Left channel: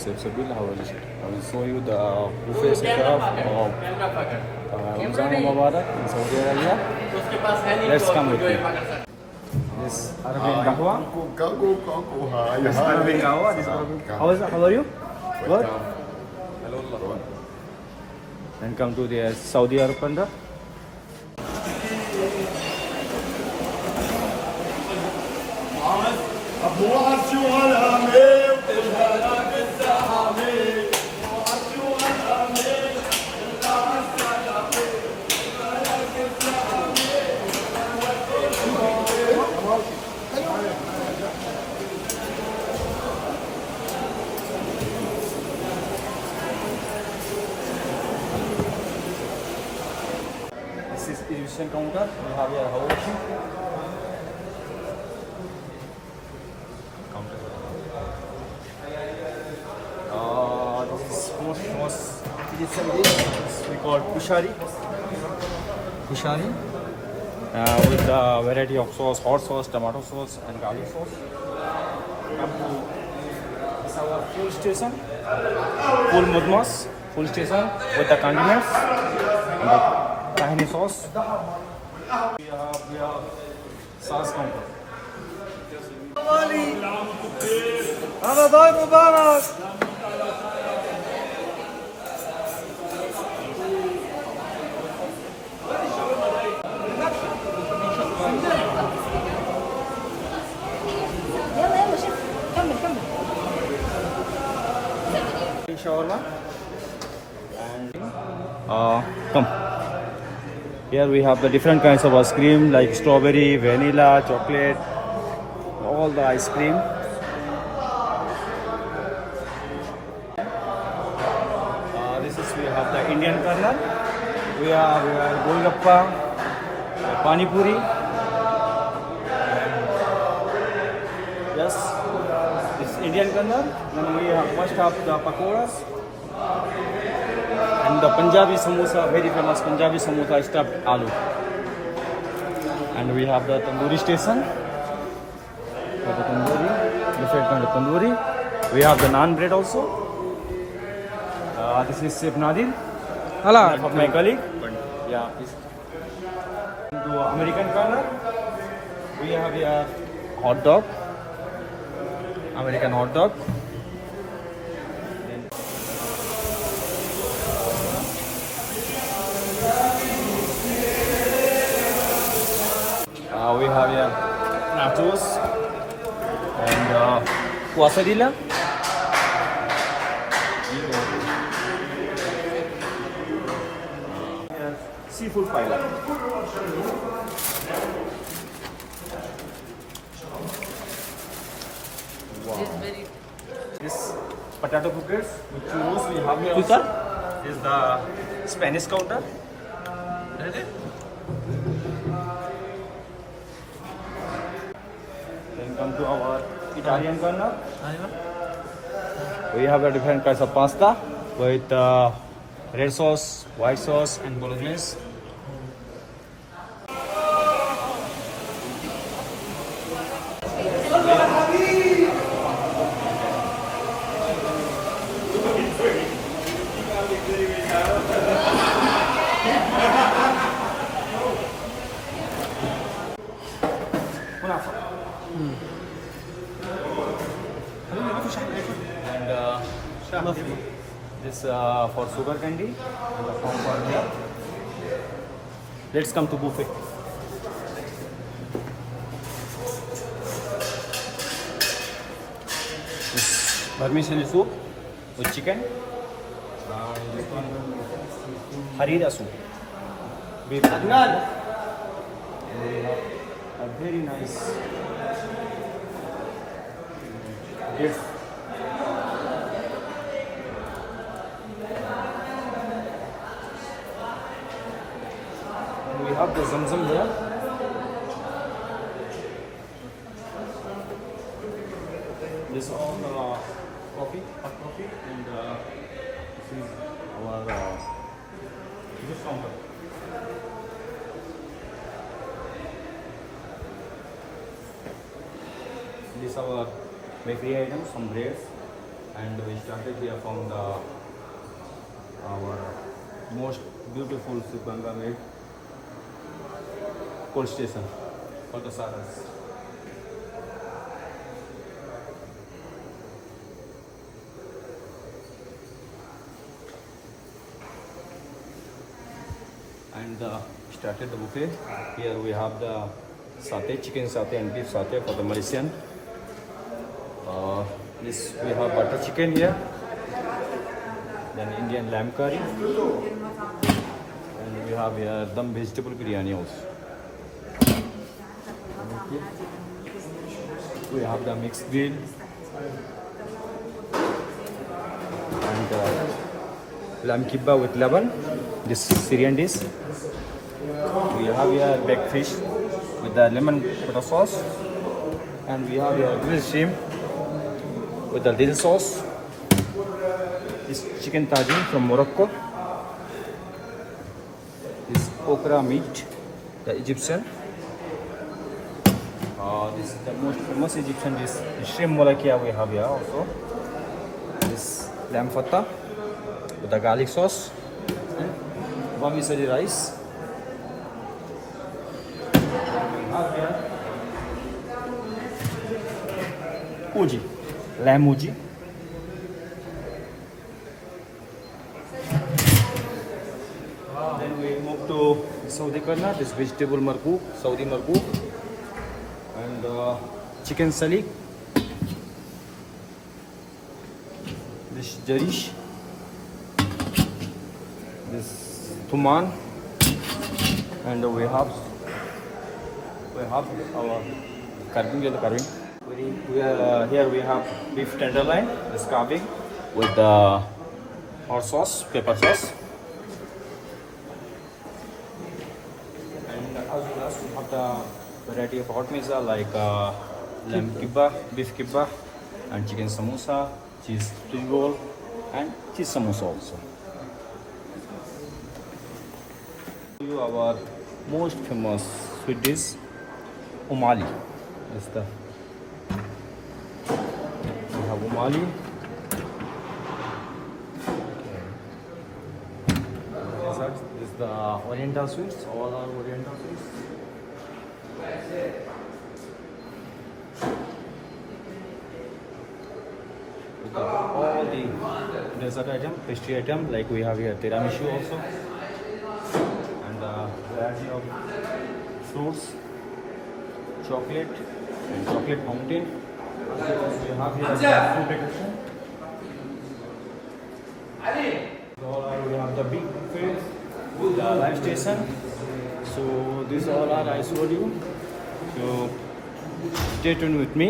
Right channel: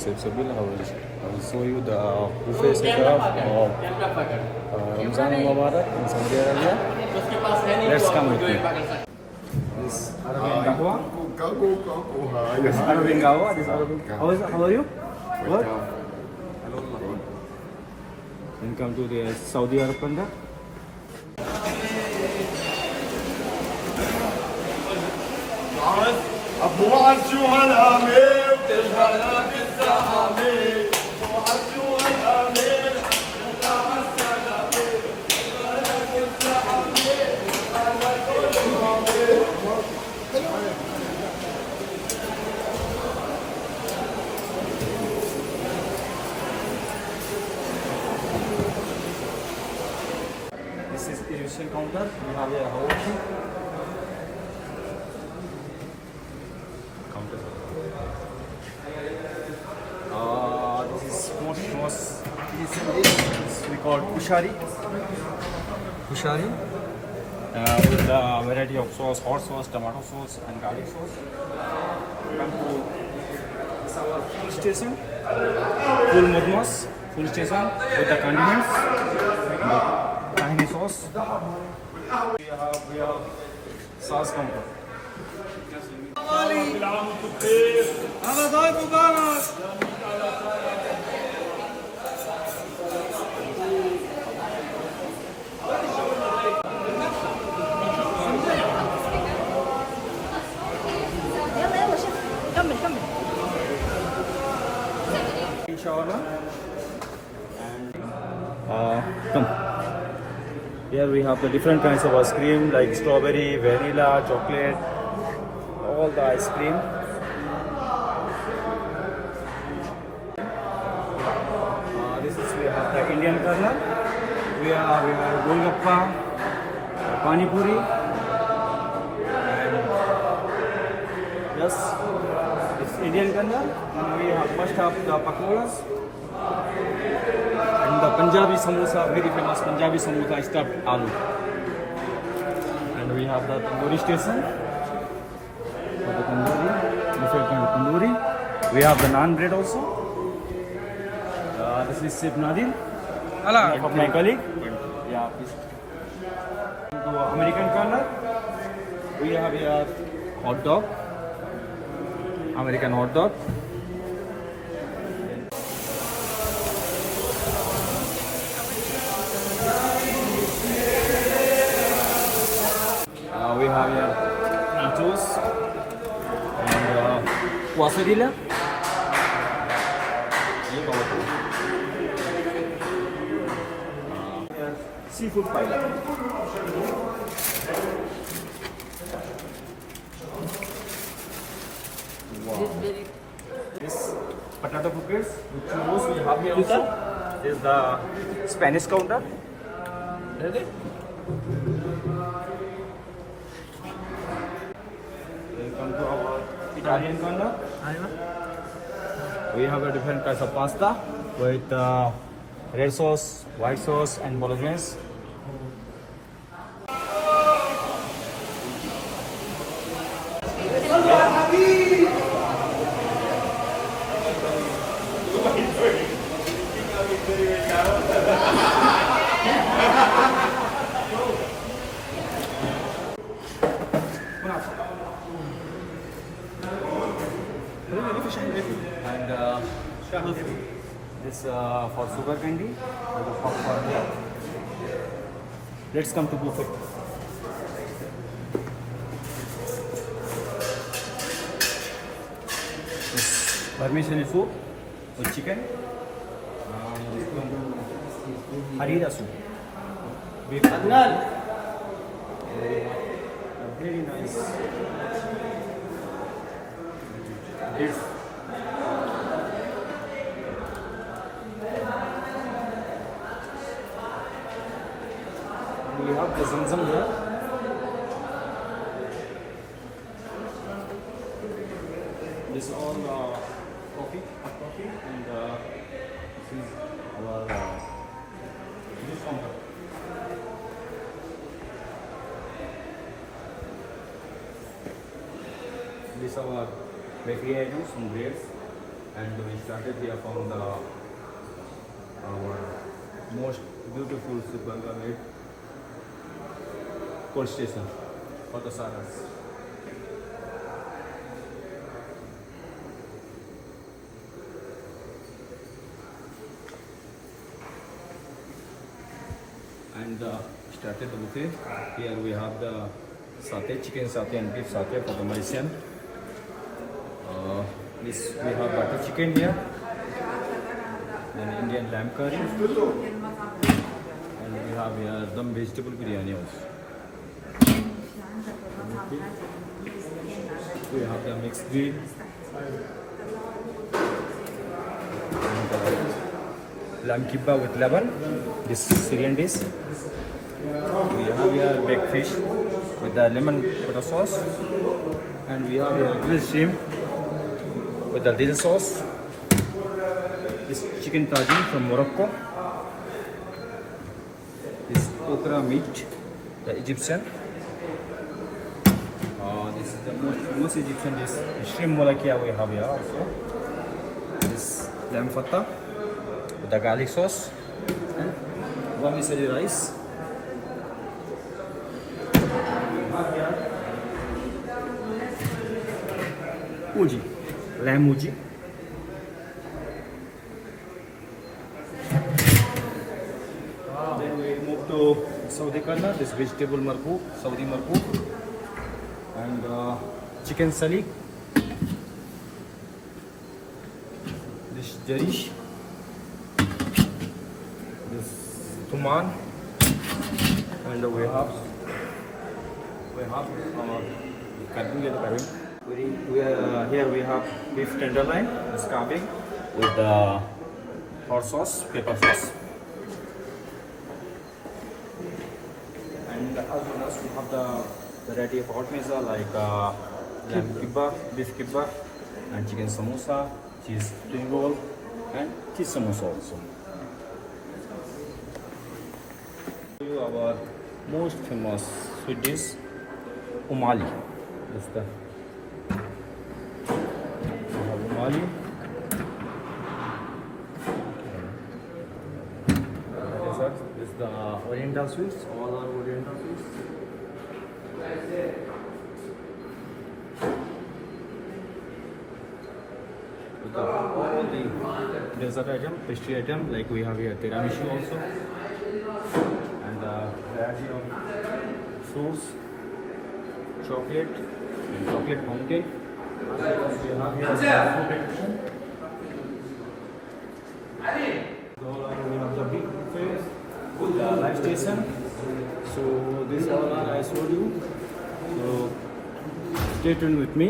accepts the bill. I will show you the buffet setup of Ramzan Mubarak in Saudi Arabia. Let's come with me. This Arabian Kahwa. This Arabian Kahwa. This Arabian. How are you? What? Then come to the Saudi Arabia. أبوها الجوع الهامي وتجهلها بالزحامي أبوها الجوع الهامي وتجهلها بالزحامي This is Egyptian counter. We have here house. This is most Egyptian dish. We call kushari. With the variety of sauce, hot sauce, tomato sauce, and garlic sauce. Come to this our full station, full mudmas, full station with the condiments, and the tahini sauce. We have sauce counter. رمضان مبارك Shawarma and come. Here we have the different kinds of ice cream like strawberry, vanilla, chocolate, all the ice cream. This is we have the Indian corner. We have golgappa, pani puri, and yes, this Indian corner. Then we have must have the pakoras and the Punjabi samosa, very famous Punjabi samosa stuffed aloo. And we have the tandoori station. The tandoori, different kind of tandoori. We have the naan bread also. This is Chef Nadir. Hello. Of my colleague. Yeah, please. To American corner, we have here hot dog. American hot dog. We have here nachos and quesadilla. Seafood pile. Wow. This potato croquettes with churros we have here also is the Spanish counter. Ready? Welcome to our Italian corner. We have a different kinds of pasta with red sauce, white sauce, and bolognese. And this for sugar candy and the popcorn here. Let's come to buffet. This vermicelli soup with chicken. Harira soup. With very nice. It's we have the Zamzam here. This is all coffee, hot coffee, and this is our juice counter. These are our bakery items, some breads And we started here from the our most beautiful Subanga made coal station for the Saras. And started the buffet. Here we have the satay, chicken satay and beef satay for the Malaysian. This we have butter chicken here, then Indian lamb curry, and we have here dum vegetable biryani also. We have the mixed grill and lamb kibba with laban. This Syrian dish. We have here baked fish with the lemon pepper sauce, and we have here grilled shrimp with the dill sauce. This chicken tagine from Morocco. This okra meat, the Egyptian. This is the most famous Egyptian dish, the shrimp molakia we have here also. This lamb fatta with the garlic sauce and vermicelli rice. Uji, lamb uji. Then we move to Saudi corner. This vegetable markook, Saudi markook, and chicken salik. This jarish. This tuman, and we have our carving. Here we have beef tenderloin, this carving with the hot sauce, pepper sauce. And as well as we have the variety of hot meza like lamb kibba, beef kibba, and chicken samosa, cheese spring roll, and cheese samosa also. Our most famous sweet dish, umali. This is the umali. This is the Oriental sweets. All are Oriental sweets. With all the dessert item, pastry item, like we have here tiramisu also. Variety of fruits, chocolate, and chocolate fountain. We have the big buffet with the live station. So these all are I showed you. So stay tuned with me.